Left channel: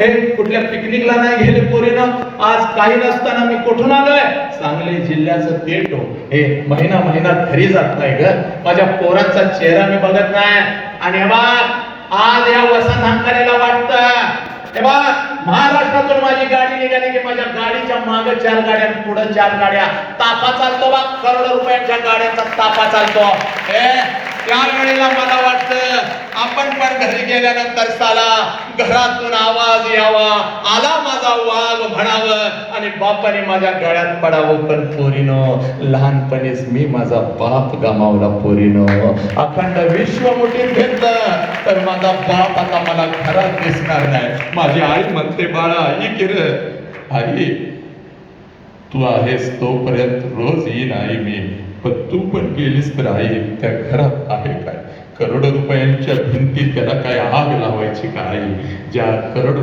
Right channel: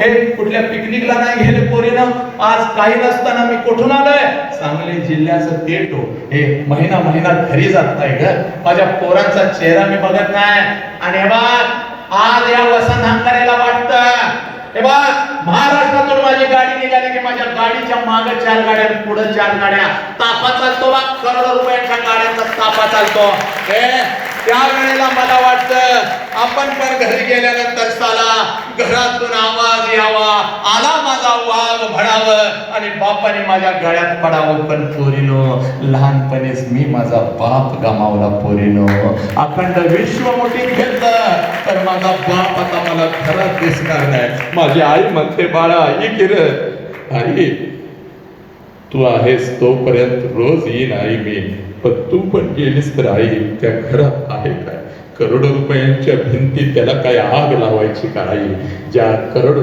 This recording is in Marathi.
हे कुठल्या पिकनिकला नाही गेले पोरीनं? आज काही नसताना मी कुठून आलोय? सांगली जिल्ह्याचं पेट हो. हे. महिना महिना घरी जात नाही ग. माझ्या पोरांचा चेहरा मी बघत नाही. आणि हे आज या वसंत हंकारेला वाटत. हे बघ महाराष्ट्रातून माझी गाडी निघाली की माझ्या गाडीच्या मागे चार गाड्या पुढे चार गाड्या. तापा चालतो बा करोड रुपयाच्या गाड्यांचा तापा चालतो हे त्यावेळेला मला वाटतं आपण पण घरी गेल्यानंतर साला घरातून आवाज यावा आला माझा वाघ म्हणावं आणि बापाने माझ्या गळ्यात पडावं पण पोरीनो लहानपणीच मी माझा बाप गमावला पोरीनो. अखंड विश्व मोठी घेतलं तर माझा बाप आता मला घरात दिसणार नाही. माझी आई म्हणते बाळा आई किरत आई तू आहेस तोपर्यंत रोज येईन आई मी पण तू पण गेलीस तर आई त्या घरात आहे काय? करोडो रुपयांच्या भिंतीत त्याला काय आग लावायची का आई? ज्या करोड